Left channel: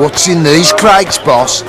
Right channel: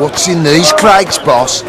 What's in these crates, boss?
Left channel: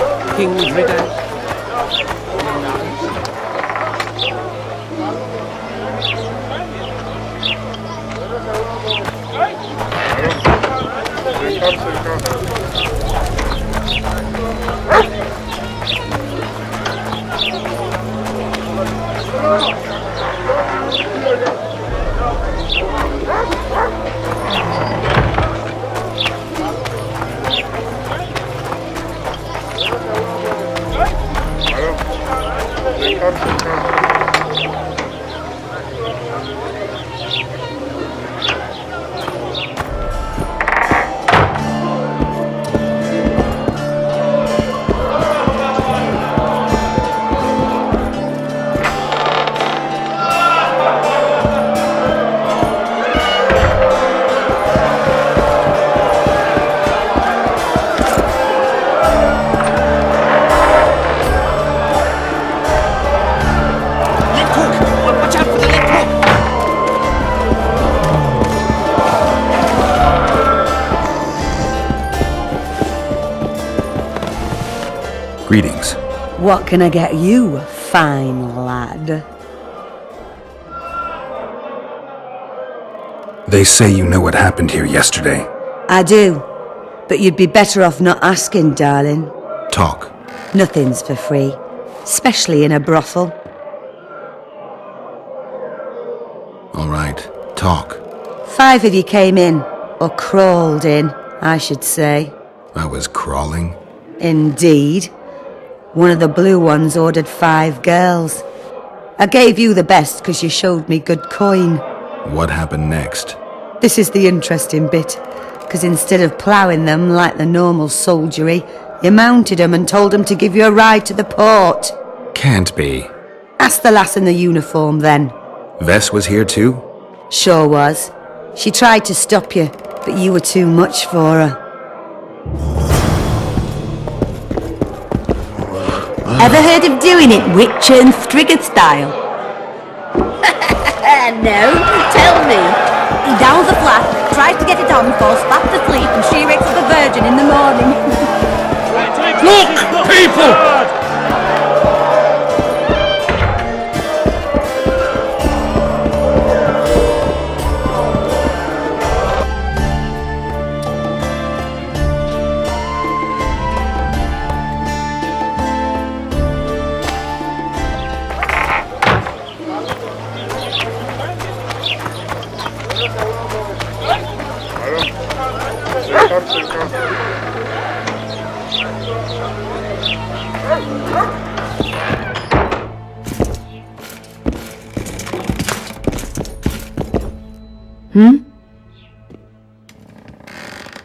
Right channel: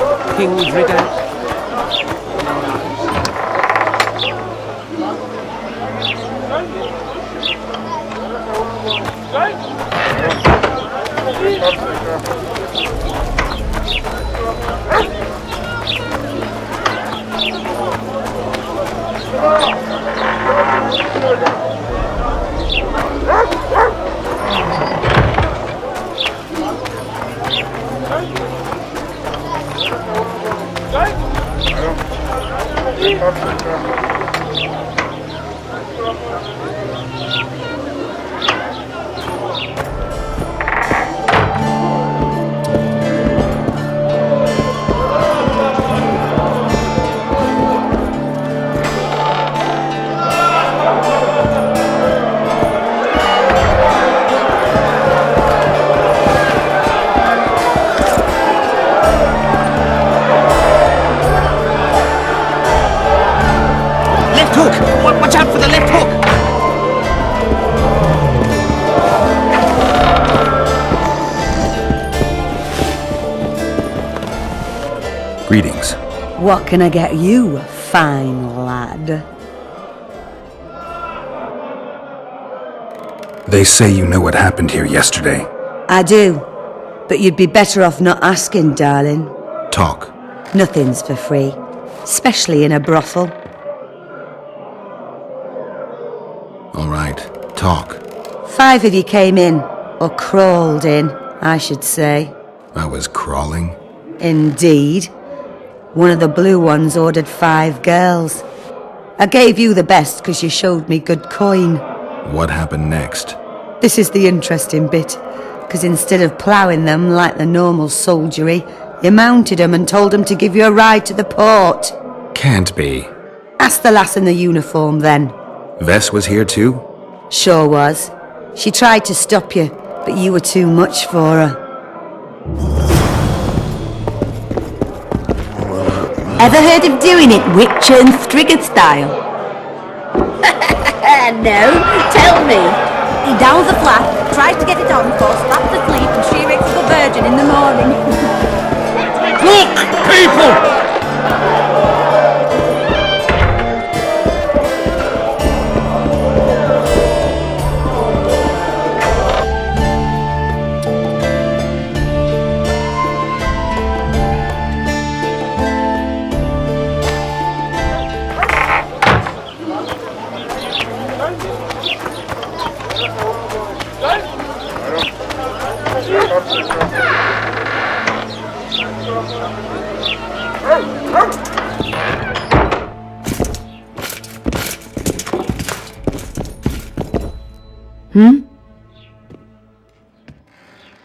Greetings. What can I get you, fine lad? They say you know what happened here yesterday. I do, but you'd be better off not asking, darling. Talk. Nothing's for free, especially in a brothel. All right, talk. 5 of you came in, or crawled in, I should say. I was crawling. Indeed. One of the blue ones ordered 5 girls. I gave you the best because you showed me good coin. What happened next? This is the interesting bit, because instead of ploughing them like the normal soldiery, you mounted them and told them to give you a ride to the port. Can't be. Ask the lass in the uniform then. Vess was here too? Sure was. She tried to stop you, but you were too much for her. Ever heard of doing it Witcher and Striggett style? No, tell me. He downs the flap, tries to get it on before slap the sleeve and shear it. Look, people!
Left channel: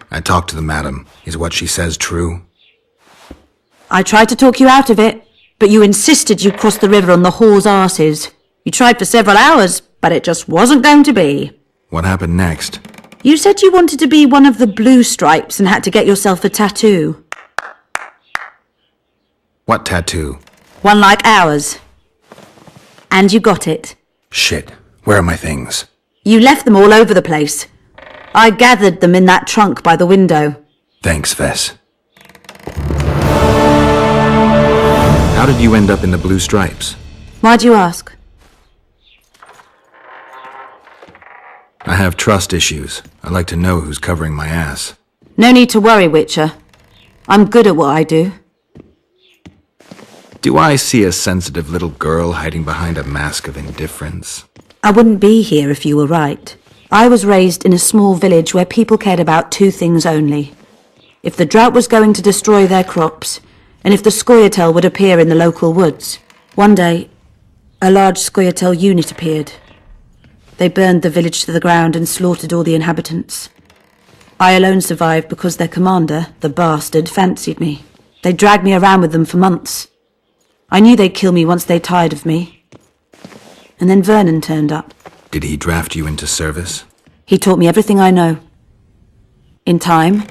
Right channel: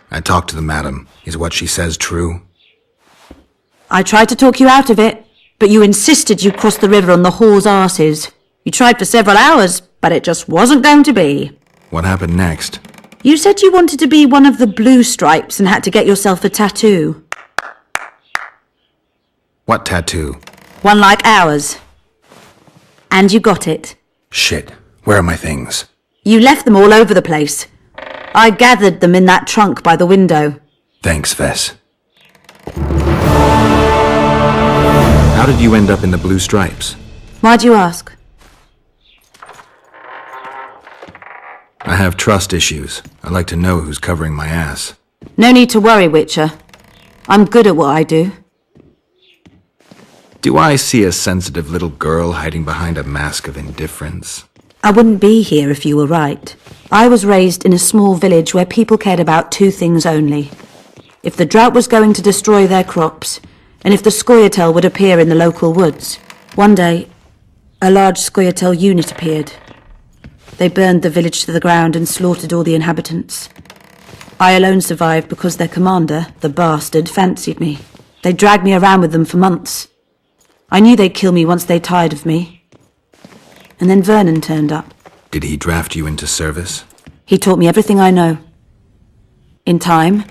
I talked to the madam. Is what she says true? I tried to talk you out of it, but you insisted you'd cross the river on the whore's arses. You tried for several hours, but it just wasn't going to be. What happened next? You said you wanted to be one of the blue stripes and had to get yourself a tattoo. What tattoo? One like ours. And you got it. Shit. Where are my things? You left them all over the place. I gathered them in that trunk by the window. Thanks, Vess. How did you end up in the blue stripes? Why'd you ask? I have trust issues. I'd like to know who's covering my ass. No need to worry, Witcher. I'm good at what I do. Do I see a sensitive little girl hiding behind a mask of indifference? I wouldn't be here if you were right. I was raised in a small village where people cared about 2 things only. If the drought was going to destroy their crops, and if the scoia'tael would appear in the local woods. One day, a large scoia'tael unit appeared. They burned the village to the ground and slaughtered all the inhabitants. I alone survived because their commander, the bastard, fancied me. They dragged me around with them for months. I knew they'd kill me once they tired of me. And then Vernon turned up. Did he draft you into service? He taught me everything I know. In time,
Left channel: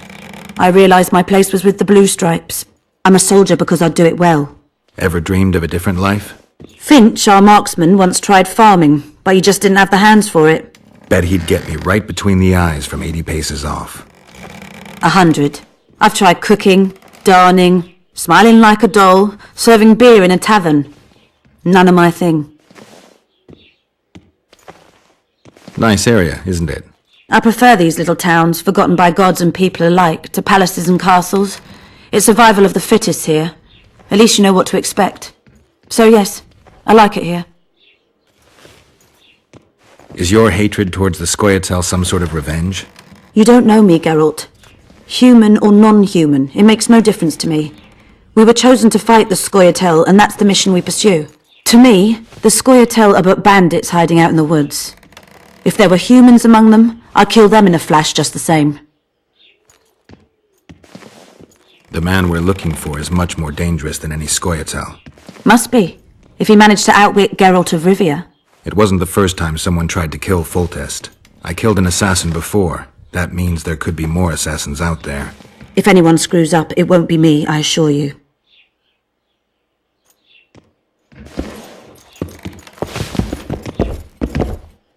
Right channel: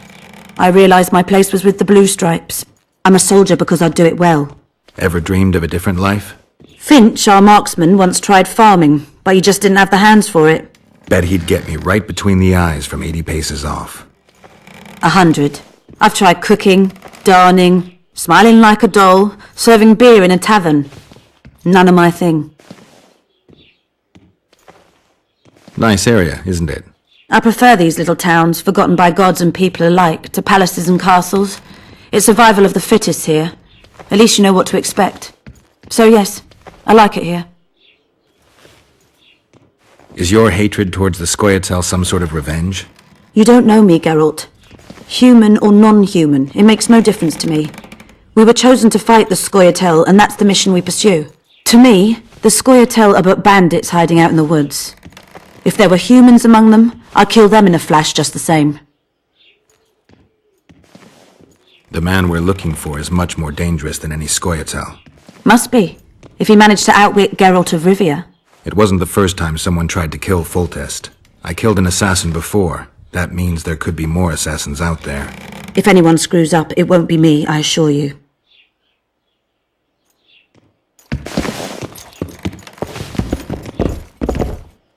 I realized my place was with the Blue Stripes. I'm a soldier because I do it well. Ever dreamed of a different life? Finch, our marksman, once tried farming, but he just didn't have the hands for it. Bet he'd get me right between the eyes from 80 paces off. 100. I've tried cooking, darning, smiling like a doll, serving beer in a tavern. None of my thing. Nice area, isn't it? I prefer these little towns, forgotten by gods and people alike, to palaces and castles. It's survival of the fittest here. At least you know what to expect. So yes, I like it here. Is your hatred towards the Scoia'tael some sort of revenge? You don't know me, Geralt. Human or non-human, it makes no difference to me. We were chosen to fight the Scoia'tael, and that's the mission we pursue. To me, the Scoia'tael are but bandits hiding out in the woods. If there were humans among them, I'd kill them in a flash just the same. The man we're looking for is much more dangerous than any Scoia'tael. Must be, if he managed to outwit Geralt of Rivia. It wasn't the first time someone tried to kill Foltest. I killed an assassin before. That means there could be more assassins out there. If anyone screws up, it won't be me, I assure you.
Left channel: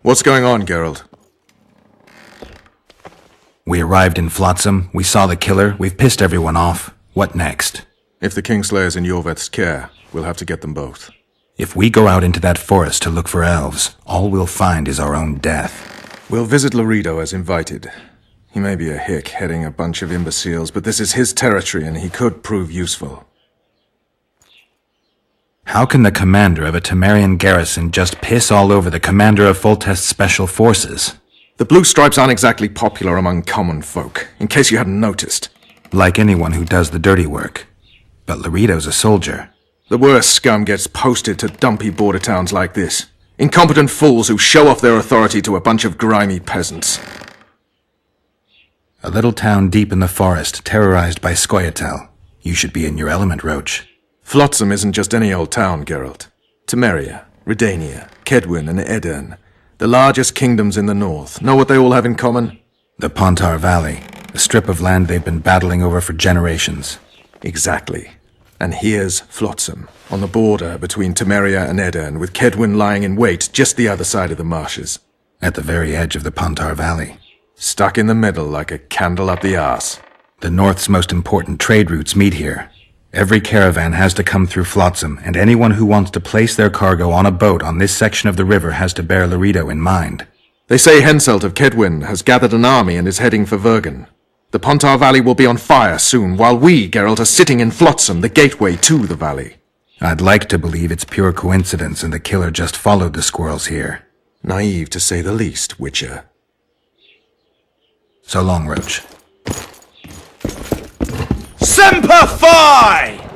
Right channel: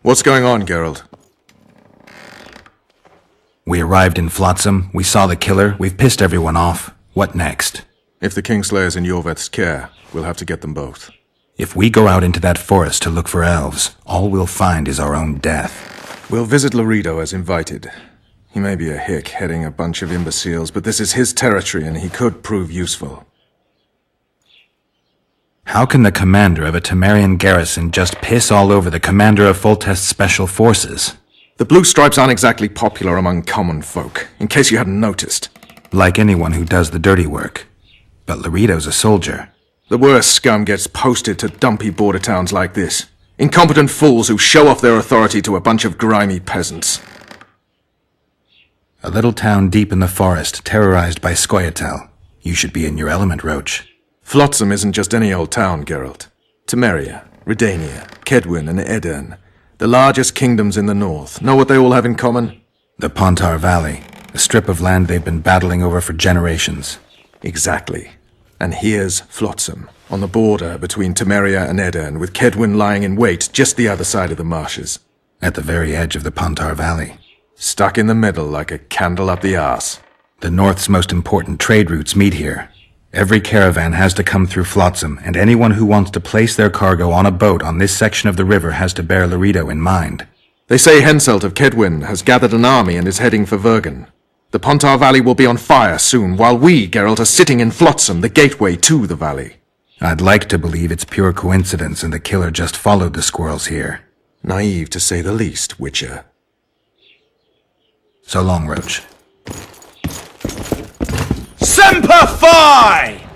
What's going on, Geralt? We arrived in Flotsam, we saw the killer, we've pissed everyone off. What next? If the Kingslayer's in Yorveth's care, we'll have to get them both. If we go out into that forest to look for elves, all we'll find is our own death. We'll visit Laredo as invited. He may be a hick heading a bunch of imbeciles, but this is his territory and he could prove useful. How can the commander of a Temerian garrison just piss all over the commander of Foltest's special forces? The Blue Stripes aren't exactly popular among common folk, in case you hadn't noticed. Like anyone who does the dirty work. But Laredo's a soldier. The worst scum gets posted to dumpy border towns like this. Incompetent fools who show off their authority to a bunch of grimy peasants. A little town deep in the forest, terrorized by Scoia'tael. You should be in your element, Roach. Flotsam isn't just any old town, Geralt. Temeria, Redania, Kedwin, and Edirn, the largest kingdoms in the north. Know what they all have in common? The Pontar Valley, a strip of land they've been battling over for generations. Exactly. And here's Flotsam, on the border between Temeria and Edirn, with Kedwin lying in wait just the other side of the marshes. At the very edge of the Pontar Valley. Stuck in the middle like a candle up the arse. The north's most important trade routes meet here. Every caravan has to come through Flotsam, and anyone who wants to place their cargo on a boat on this section of the river has to bear Laredo in mind. They say Henselt of Kedwin has gathered an army and is heading for Vergen. The Pontar Valley will be on fire soon, while we, Geralt, are sitting in Flotsam, the gateway to the valley. I'd like to believe it's pure coincidence and the killer just followed the squirrels here. Naive to say the least, Witcher. So long, Roach. Semper Fi!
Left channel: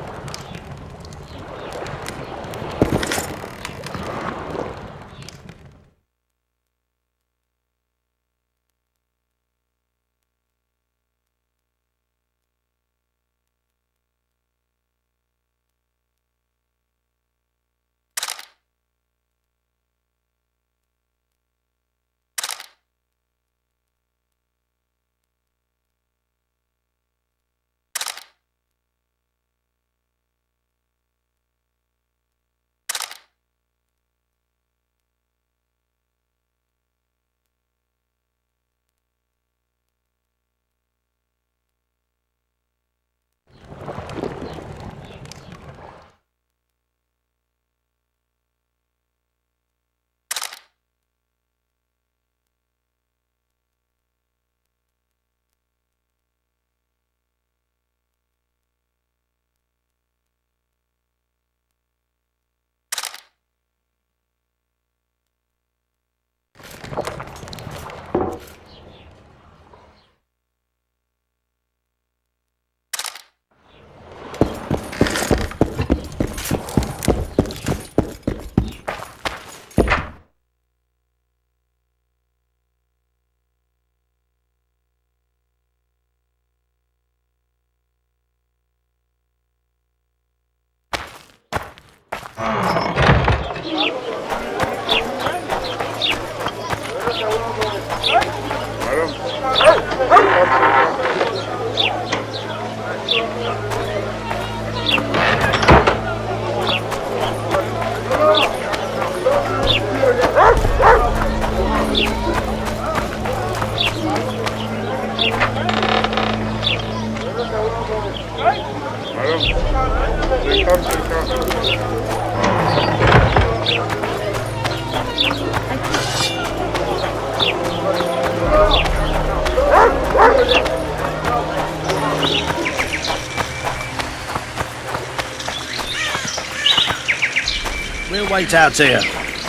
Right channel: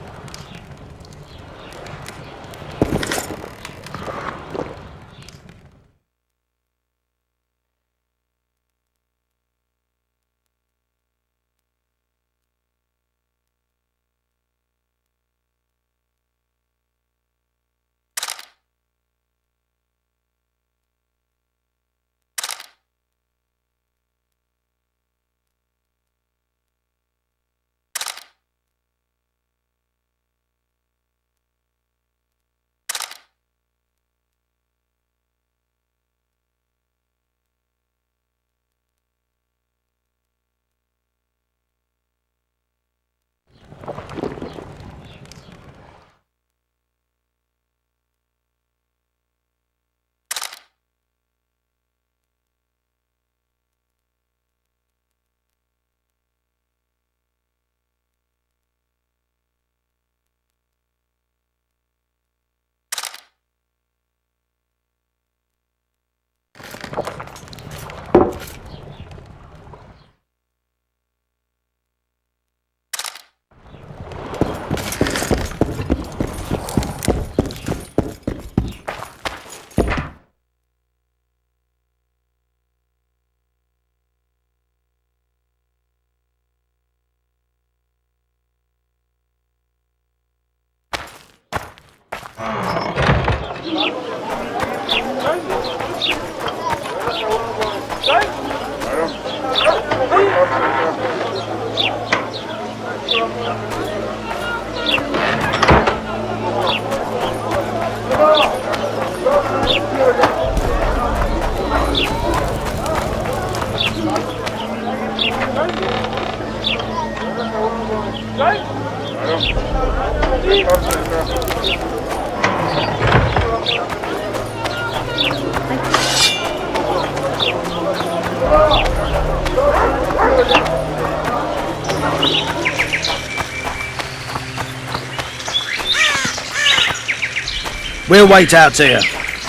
We'll wait out there.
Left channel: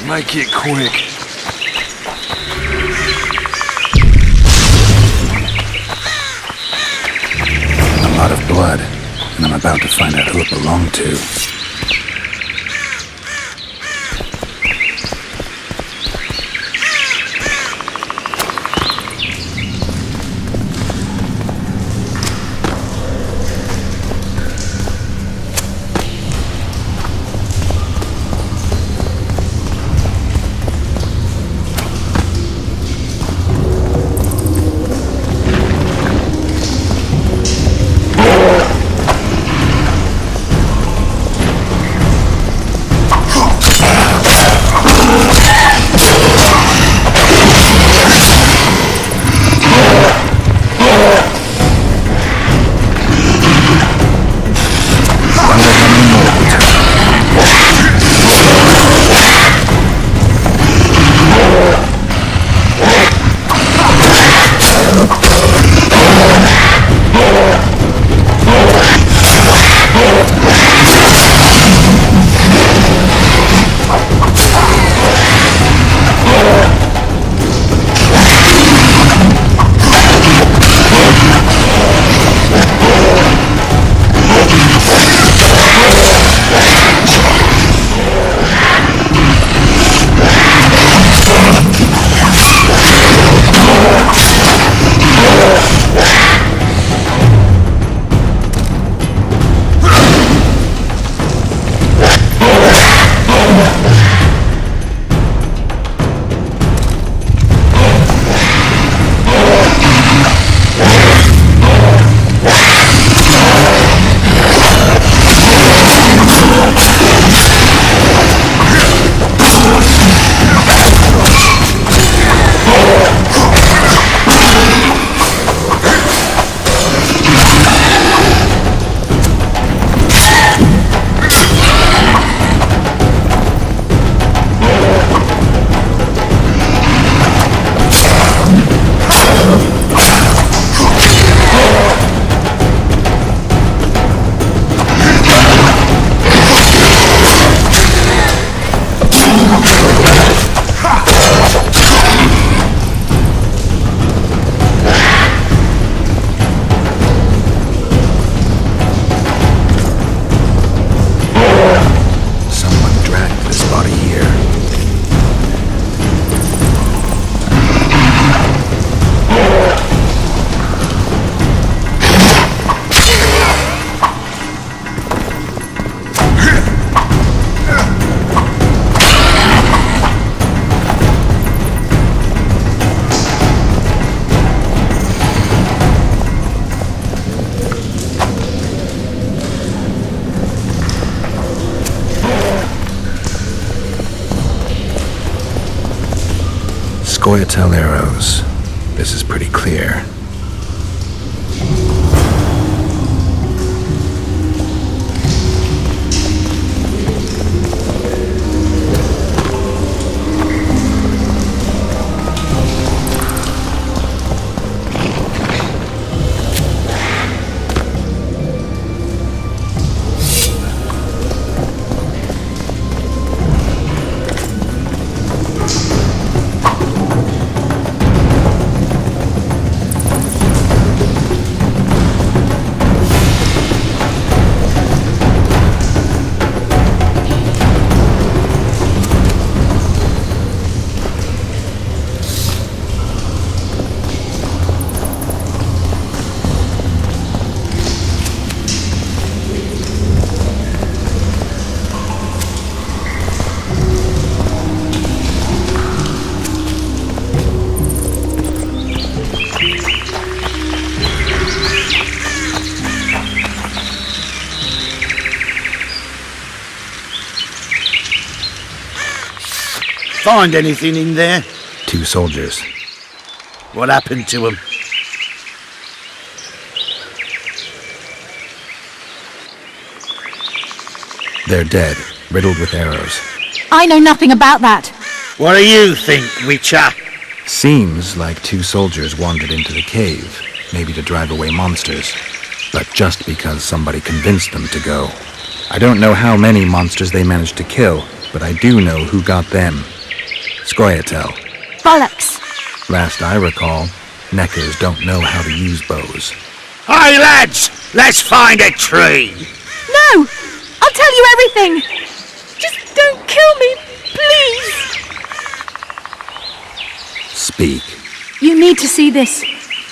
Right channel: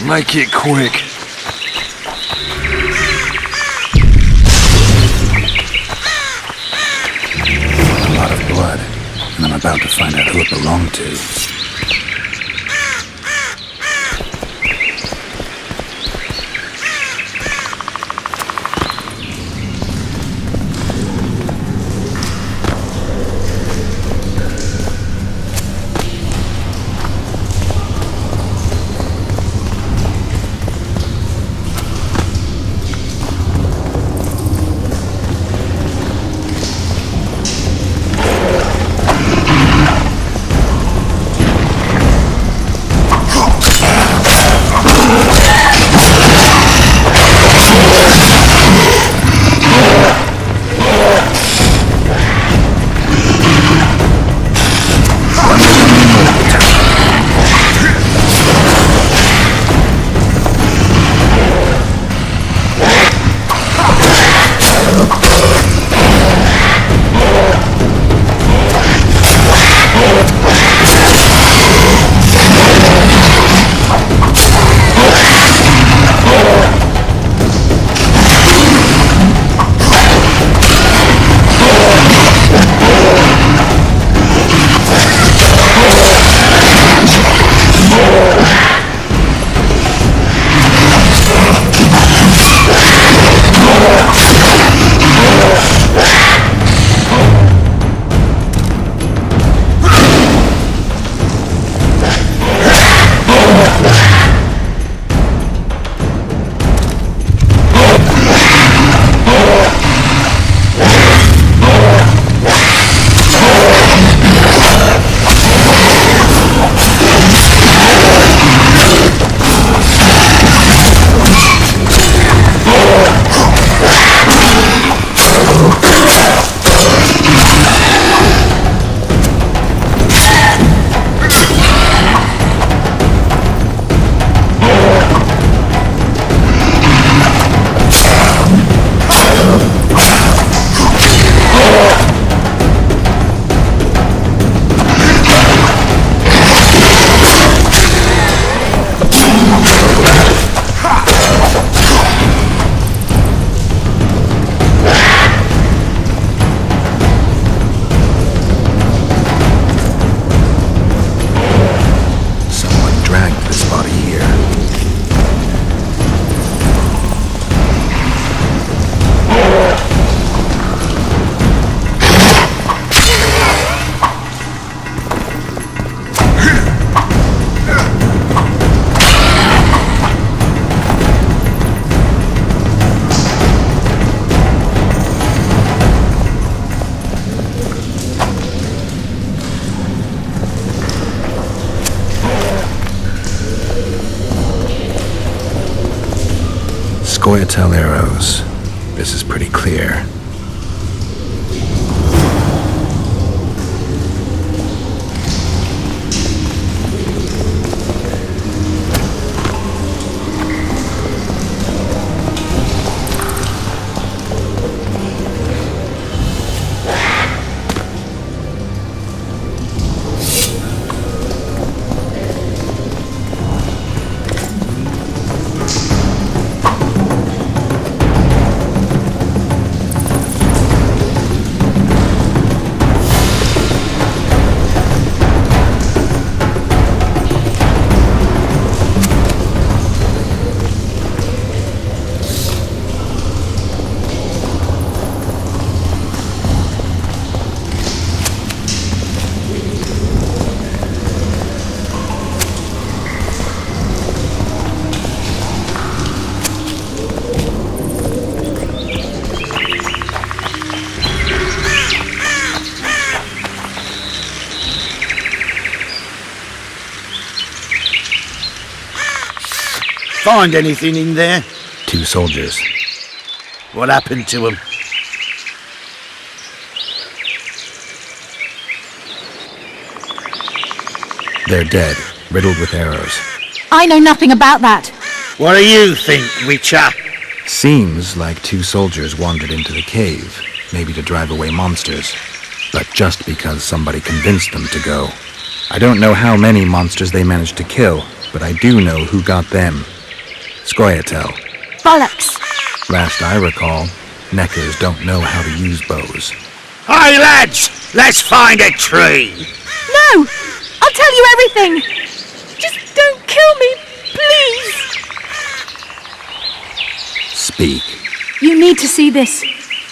Make it quick. A lot of blood, and I'm about to find out who it belonged to. Scoia'tael arrows. This is pretty clear. Find anything in there? 2 soldiers. What happened to them? They're dead, riddled with arrows. I know nothing about that. What do you think, Witcher? Seems like 2 soldiers wandered into the cave, maybe to drive away monsters. But just because somebody convinced them to go. I don't know how many monsters they managed to kill, but I do know who got them. Scoia'tael. Bollocks! Last I recall, Neckers don't know how to use bows. Hey, lads! Let's find a tree! No! I'll tell you everything! Just don't kill me, please! Speak. You need to see this.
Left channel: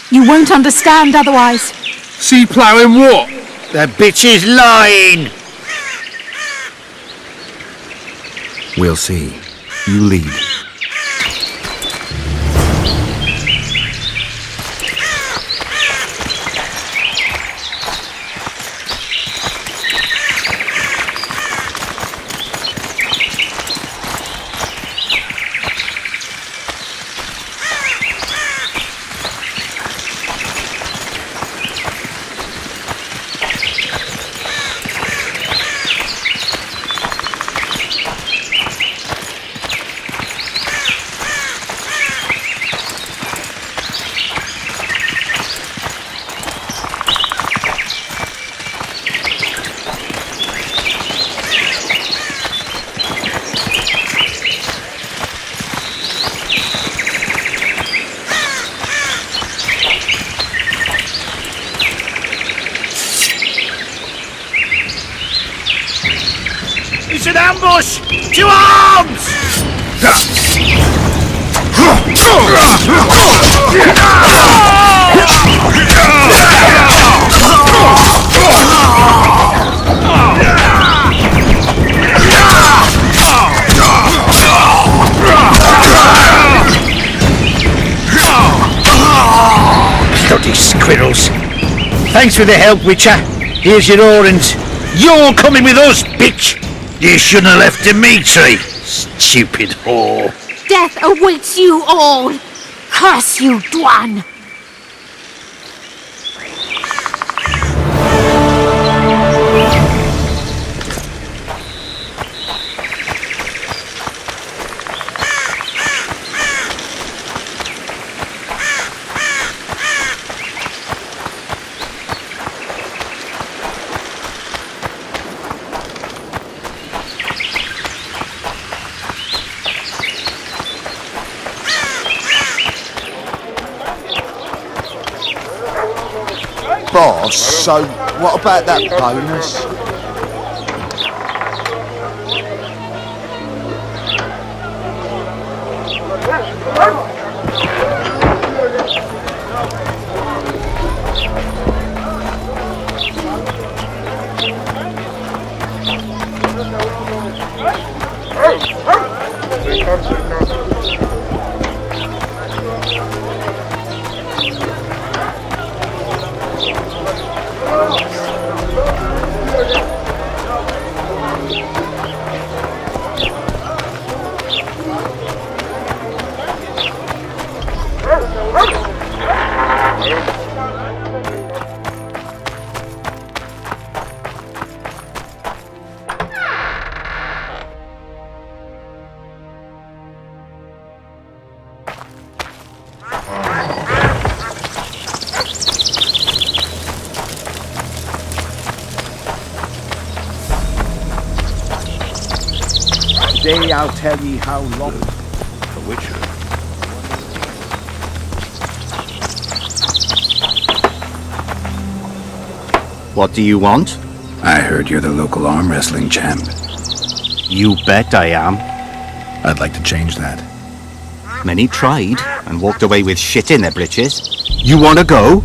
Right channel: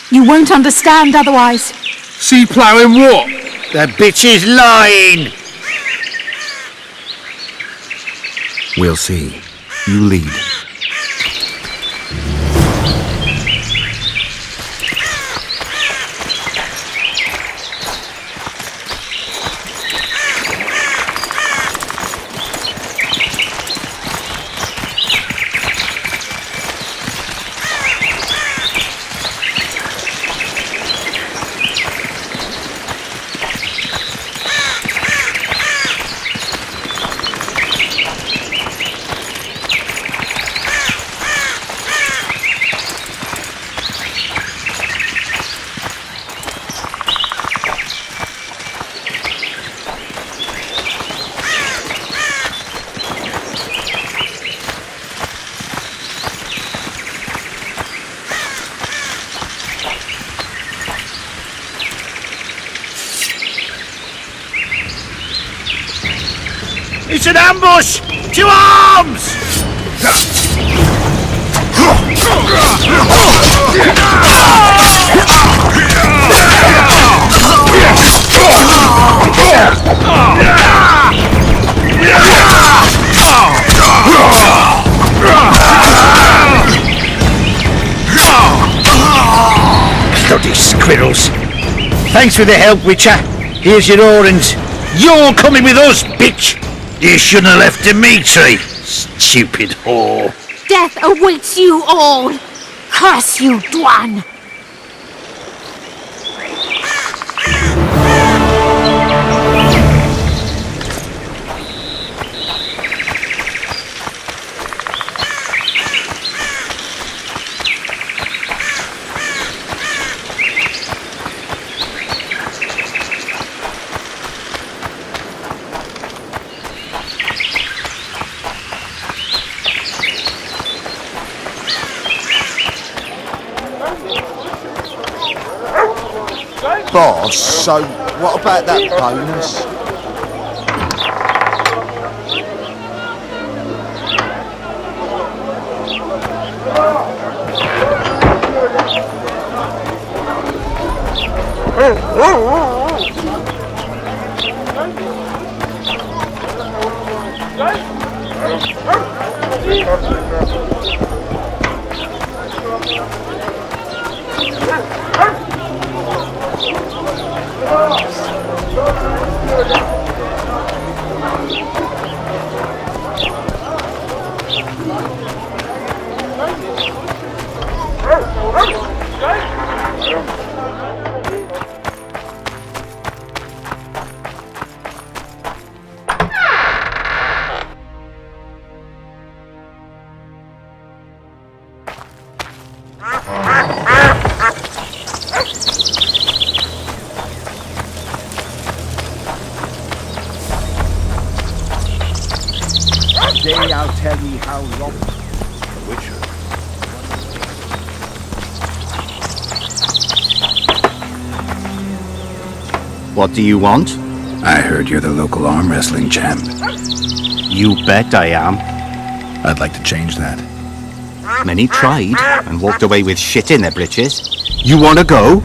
You won't understand otherwise. See ploughing what? The bitch is lying! We'll see. You lead. It's an ambush! To arms! Bloody squirrels. Thanks for the help, Witcher. Here's your orange. You're coming with us, bitch! You shouldn't have left Dimitri, stupid whore. Death awaits you all! Curse you, Dwan! Boss, so... What do you want? I heard you're the local arm wrestling champ. You bet I am. I'd like to change that. Many tried and walked away with shit in their britches. You want to go?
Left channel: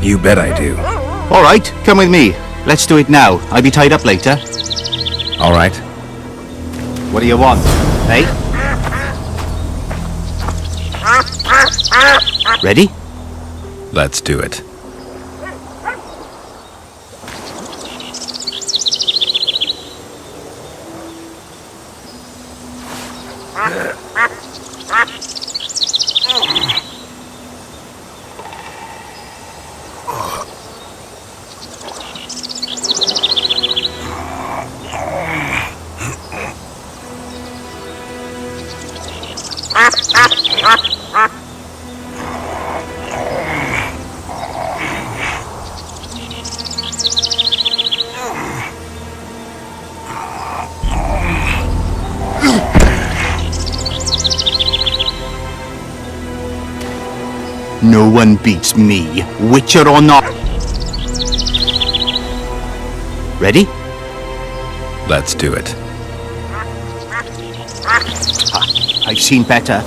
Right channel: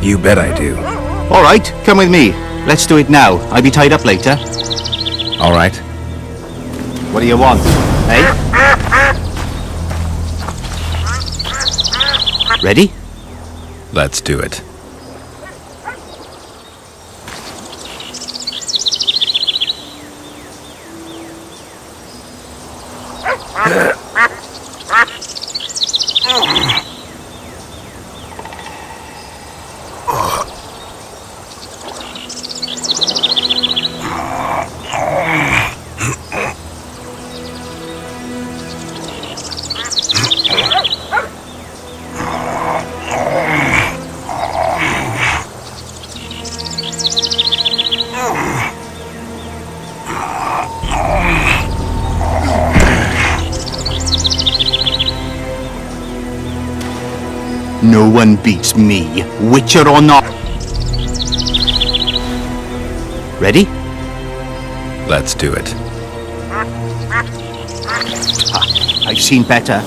You bet I do. All right, come with me. Let's do it now. I'll be tied up later. All right. What do you want, eh? Ready? Let's do it. No one beats me, Witcher or not. Ready? Let's do it. I've seen better.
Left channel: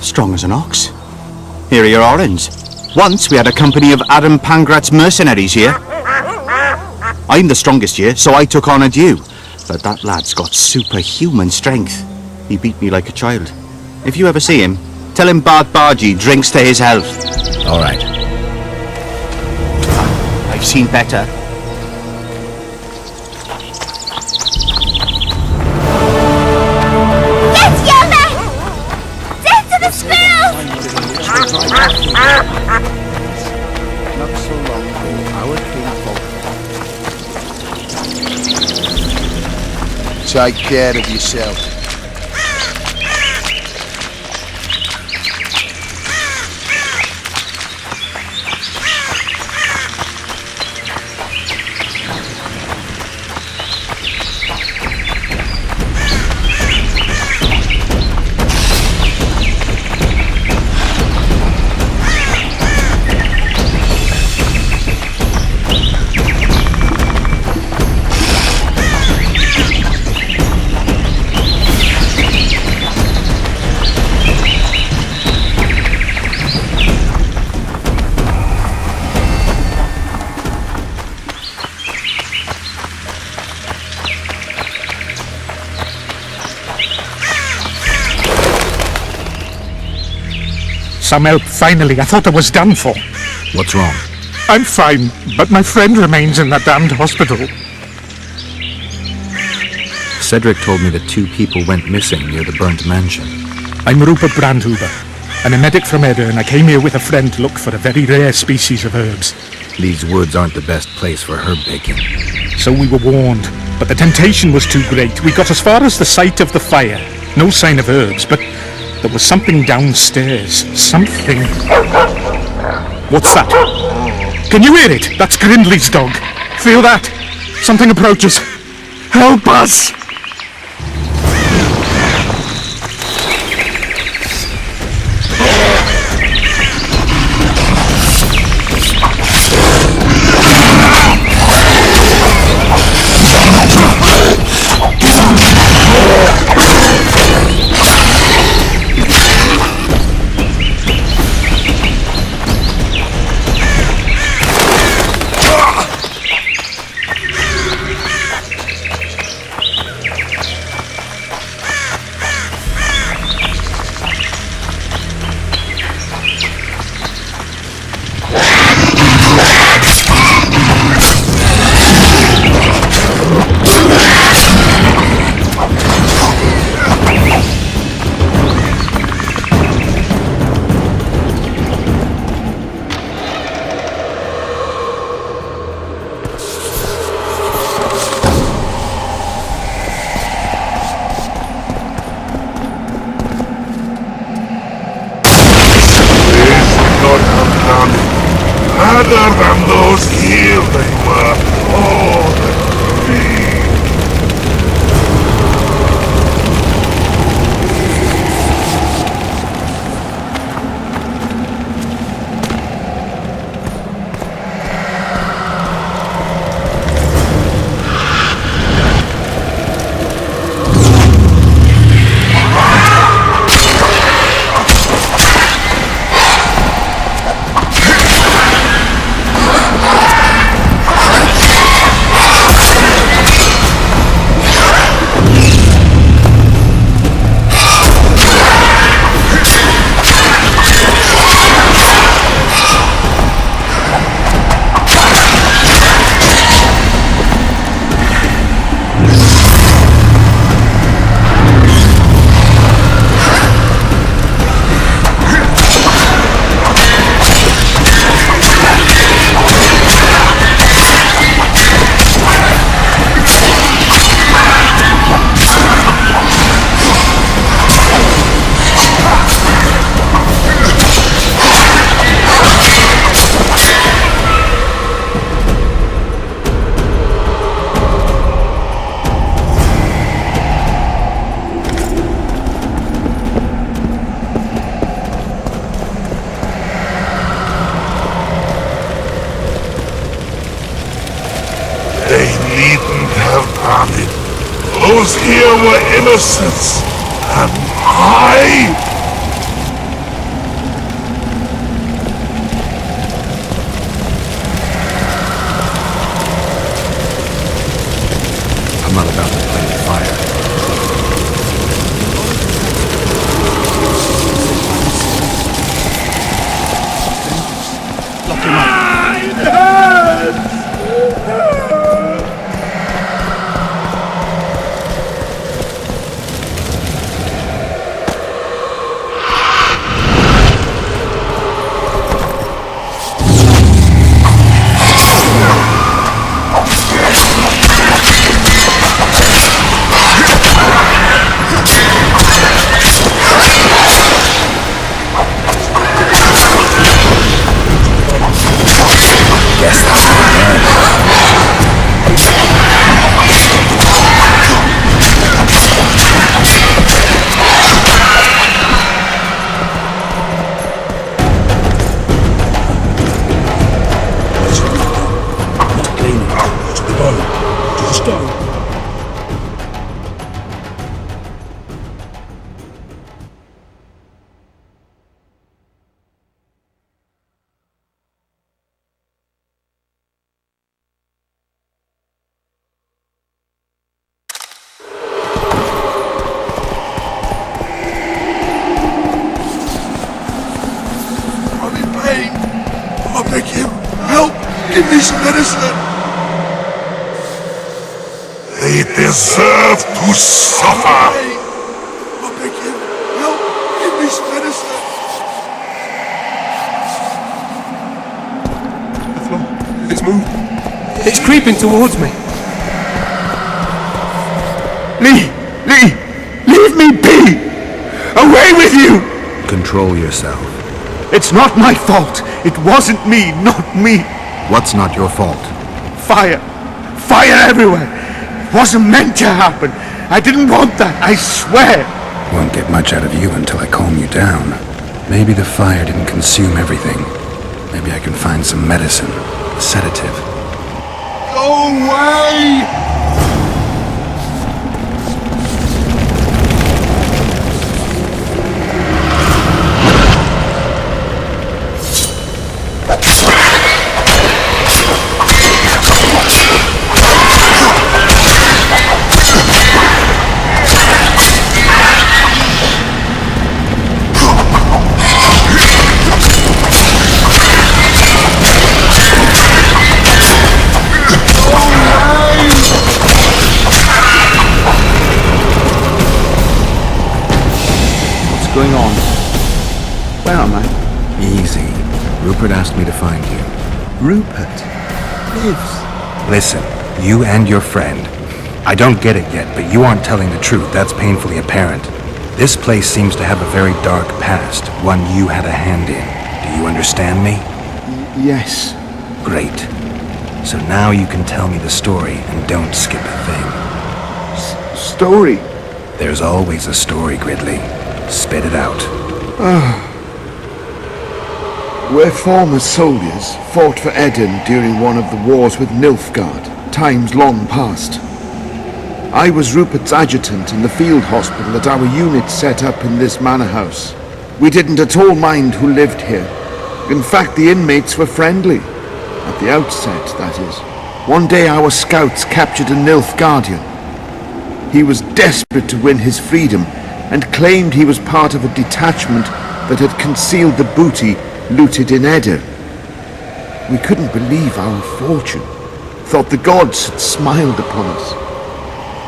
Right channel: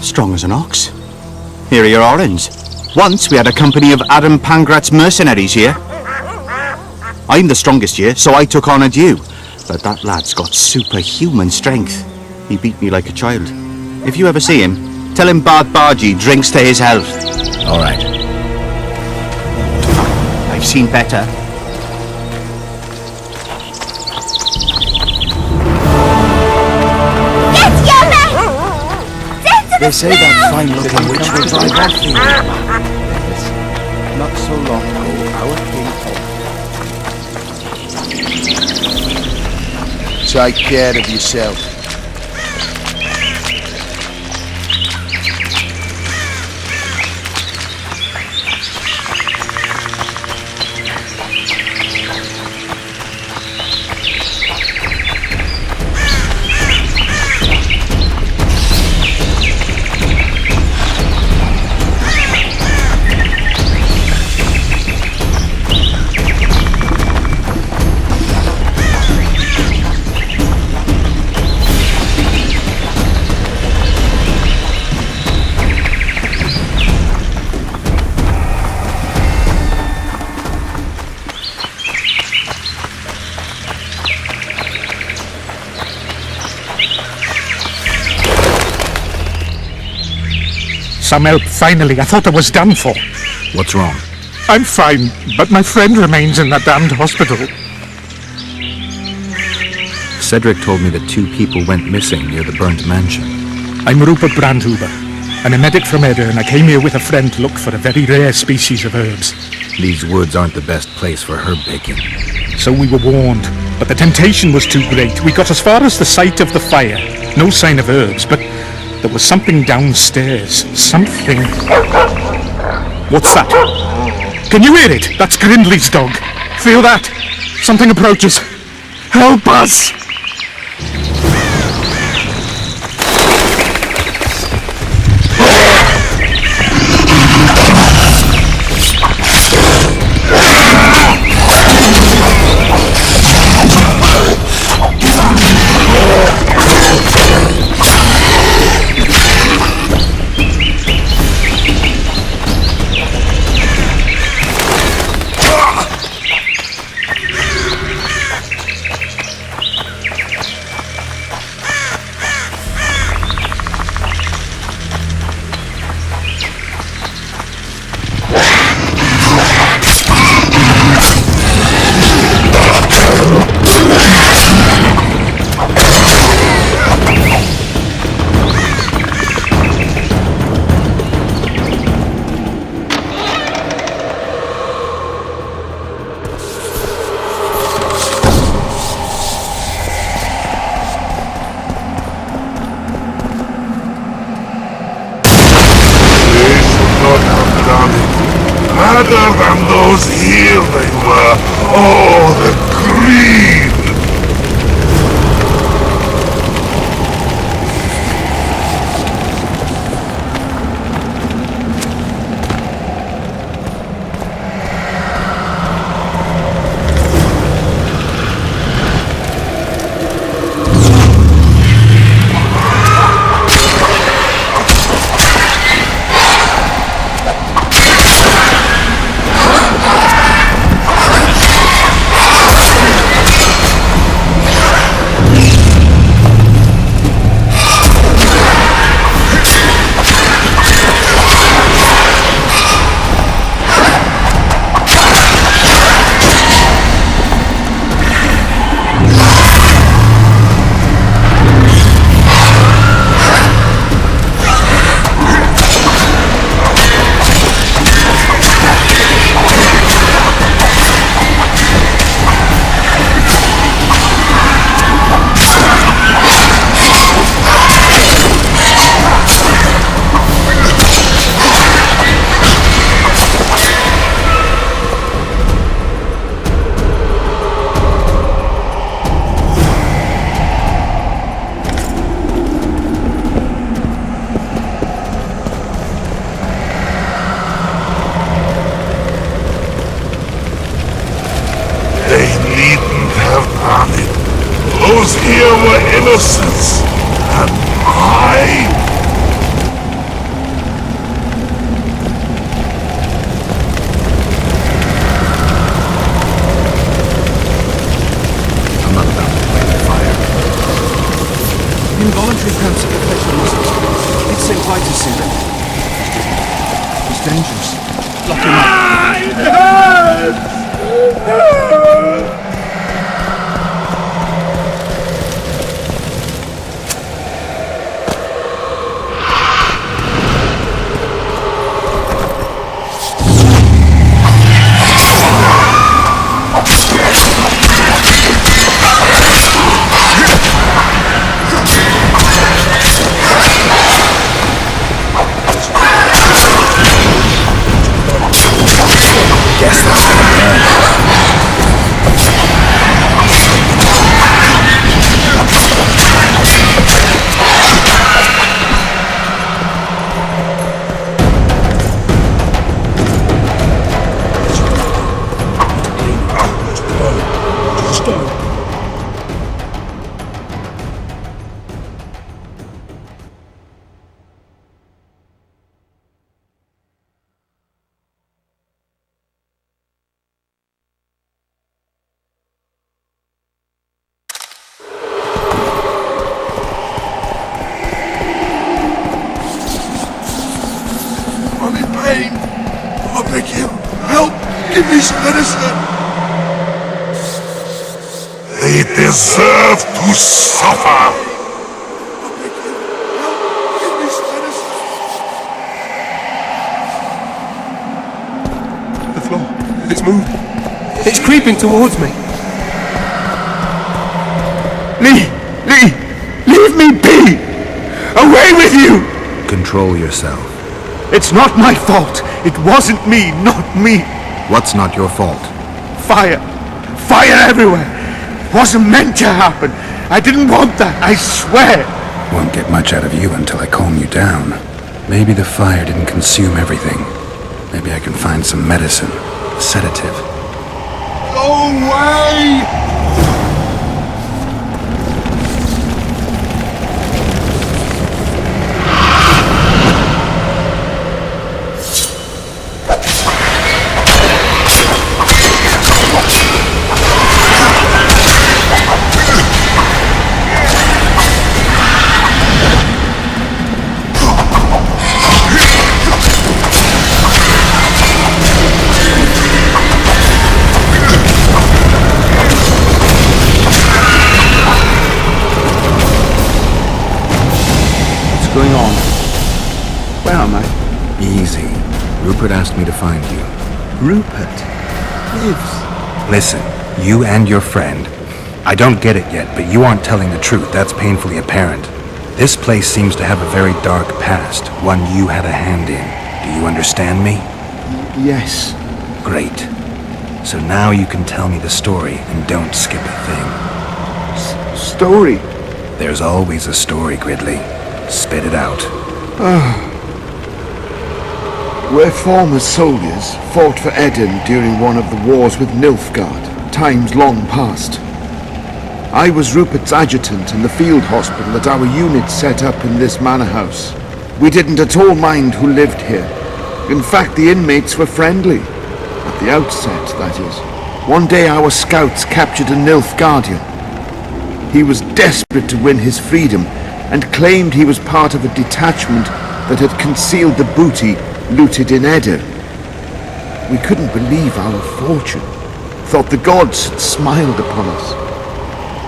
Strong as an ox. Here are your orange. Once we had a company of Adam Pangrat's mercenaries here. I'm the strongest here, so I took on a due. But that lad's got superhuman strength. He beat me like a child. If you ever see him, tell him Bart Bargy drinks to his health. All right. I've seen better. Get your man! They say that fine looking company. Take care of yourself. Some help, finally. I thought I was done for. What's wrong? I'm fine, but my friend remains in that damned hospital. Cedric told me that 2 people went missing near the burnt mansion. I'm Rupert Brandhuber. I'm a medic from Edda, and I came here with a friend to look for a very rare species of herbs. These woods aren't the best place for herb picking. So we were warned, but the temptation was too great. We got as far as the site of the fire. No sign of herbs, but there was something downstairs. Something... What's that? Can you hear it? That's Grindley's dog. Feel that? Something approaches. Help us! Not have done it. Other than those here they were. Oh, the greed! those here were innocents, and I... I'm not about to play with fire. Involuntary cramps of the facial muscles. It's St. Vitus syndrome. It's dangerous. Lock him up. Guess that's what I learned. Not cleaning. To the bow. To the stone. I'm in pain. I beg you, help! Give me some medicine! They deserve to suffer! I beg you, help! Give me some medicine! The floor, it's moving. It's creeping towards me. Lee! Leave me be! Away with you! Control yourself. It's not my fault. It wasn't me, not me. What's not your fault? Fire everywhere. It wasn't meant to happen. I didn't want that, I swear. Won't get much out of you until I calm you down. Maybe the fire didn't consume everything. Maybe I can find some medicine, a sedative. Go away! Going on? Where am I? Easy. Rupert asked me to find you. Rupert lives. Listen, you and your friend. I don't get it yet, but you aren't telling the truth. That's painfully apparent. This place seems to have a very dark past, one you had a hand in. Do you understand me? Yes. Great. So now you can tell me the story and don't skip a thing. Story? There's always a story, Gridley. Spit it out. We're former soldiers, fought for Eden during one of the wars with Nilfgaard, times long past. I was Rupert's adjutant in the field hospital that our unit set up in this manor house. We didn't at all mind who lived here. In fact, the inmates were friendly. At the outset, that is. One day our scouts captured a Nilfgaardian. He was desperate to win his freedom and claimed he was part of a detachment that had concealed the booty looted in Eden. We couldn't believe our fortune, thought the gods had smiled upon us.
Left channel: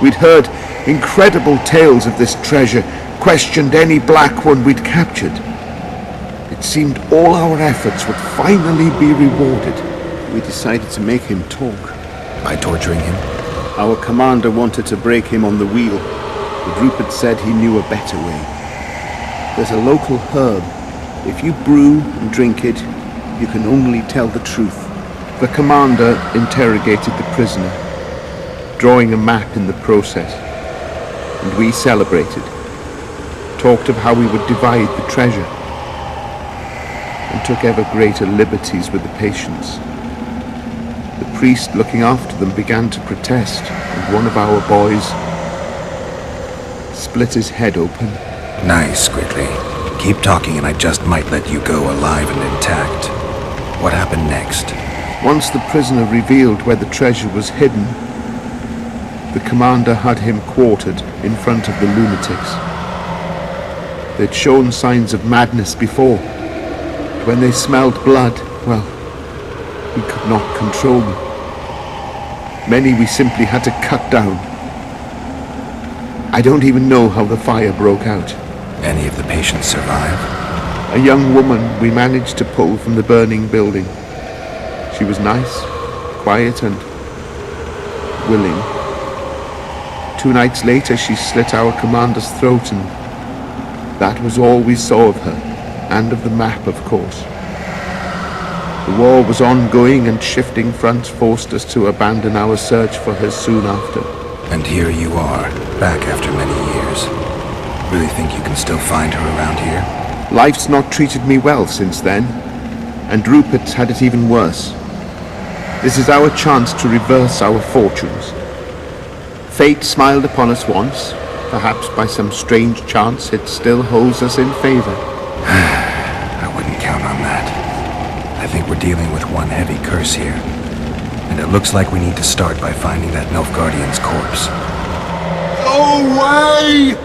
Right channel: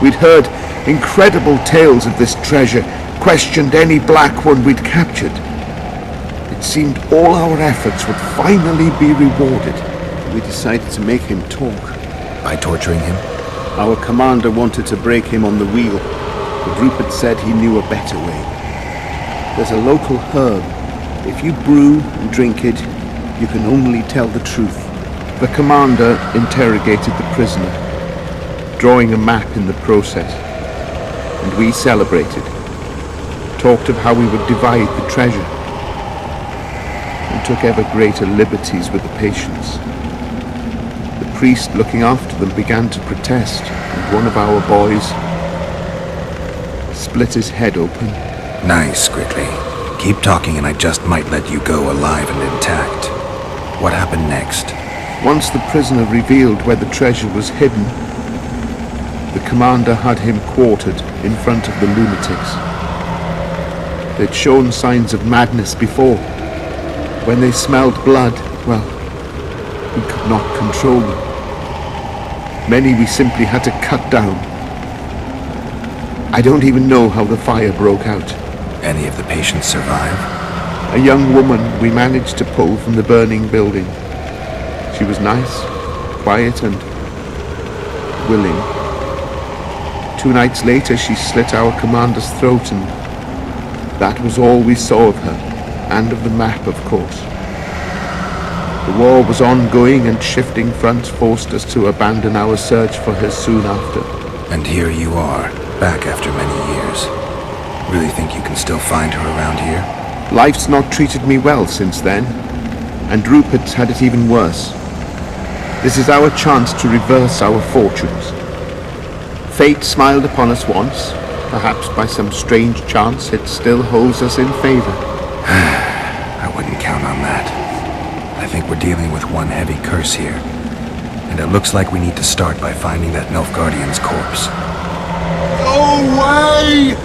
We'd heard incredible tales of this treasure, questioned any black one we'd captured. It seemed all our efforts would finally be rewarded. We decided to make him talk. By torturing him? Our commander wanted to break him on the wheel, but Rupert said he knew a better way. There's a local herb. If you brew and drink it, you can only tell the truth. The commander interrogated the prisoner, drawing a map in the process, and we celebrated, talked of how we would divide the treasure, and took ever greater liberties with the patients. The priest looking after them began to protest, and one of our boys, split his head open. Nice, Gridley. Keep talking and I just might let you go alive and intact. What happened next? Once the prisoner revealed where the treasure was hidden, the commander had him quartered in front of the lunatics. They'd shown signs of madness before, but when they smelled blood, well, we could not control them. Many we simply had to cut down. I don't even know how the fire broke out. Any of the patients survive? A young woman we managed to pull from the burning building. She was nice, quiet and willing. 2 nights later she slit our commander's throat, and that was all we saw of her, and of the map, of course. The war was ongoing and shifting fronts forced us to abandon our search for her soon after. And here you are, back after many years. Really think you can still find her around here? Life's not treated me well since then, and Rupert's had it even worse. This is our chance to reverse our fortunes. Fate smiled upon us once. Perhaps by some strange chance it still holds us in favor. I wouldn't count on that. I think we're dealing with one heavy curse here. And it looks like we need to start by finding that Nilfgaardian's corpse. Go away!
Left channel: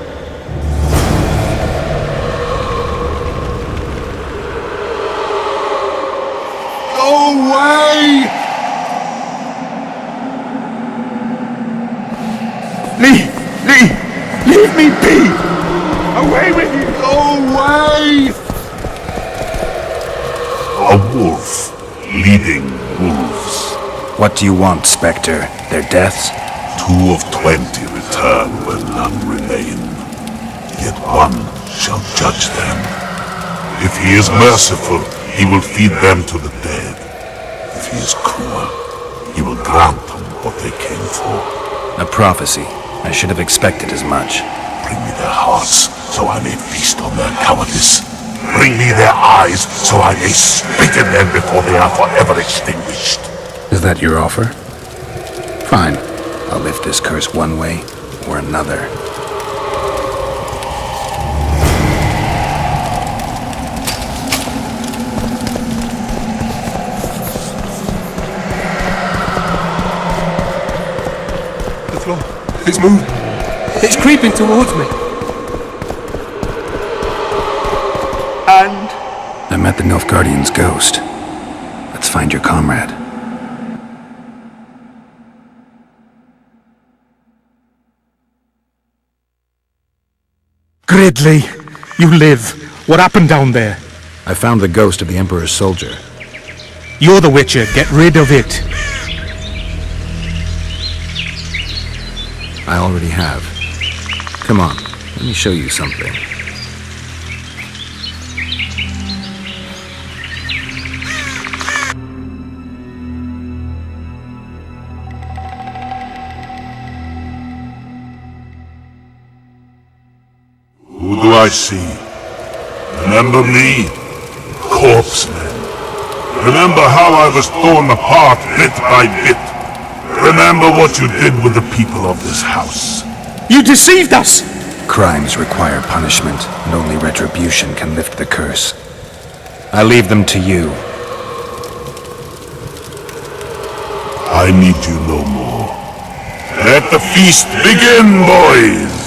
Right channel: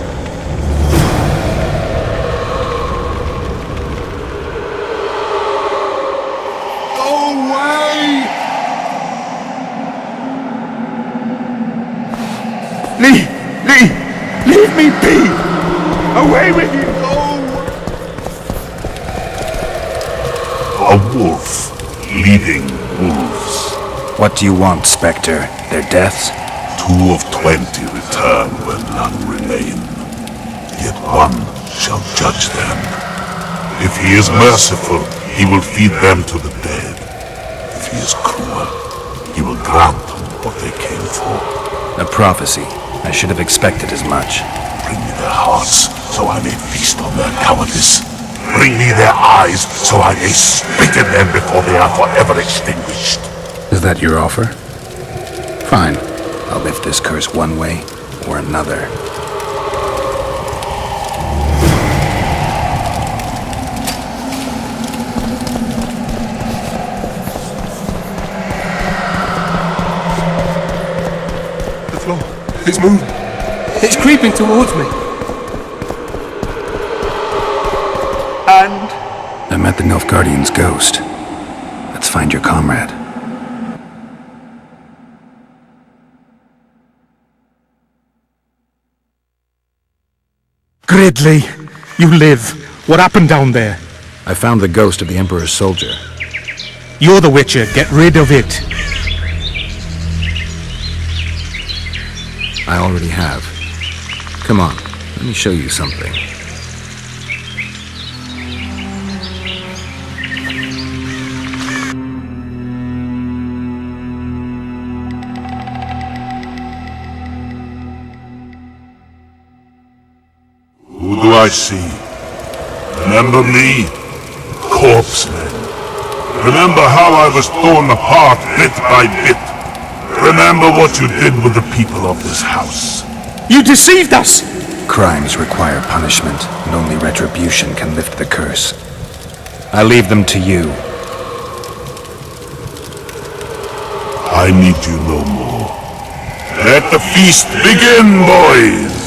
Lee! Leave me! Go away! A wolf leading wolves. What do you want, Spectre? Their deaths? 2 of 20 return where none remain. Yet one shall judge them. If he is merciful, he will feed them to the dead. If he is cruel, he will grant them what they came for. A prophecy. I should have expected as much. Bring me their hearts, so I may feast on their cowardice. Bring me their eyes, so I may spit in them before they are forever extinguished. Is that your offer? Fine. I'll lift this curse one way or another. The floor. It's moving. It's creeping towards me. And I met the Nilfgaardian's ghost. Let's find your comrade. Gridley, you live. What happened down there? I found the ghost of the Emperor's soldier. You're the Witcher. Get rid of it. I already have. Come on, let me show you something. Who do I see? Remember me? Corpsemen. Remember how I was torn apart bit by bit. Remember what you did with the people of this house. You deceived us! Crimes require punishment, and only retribution can lift the curse. I leave them to you. I need you no more. Let the feast begin, boys!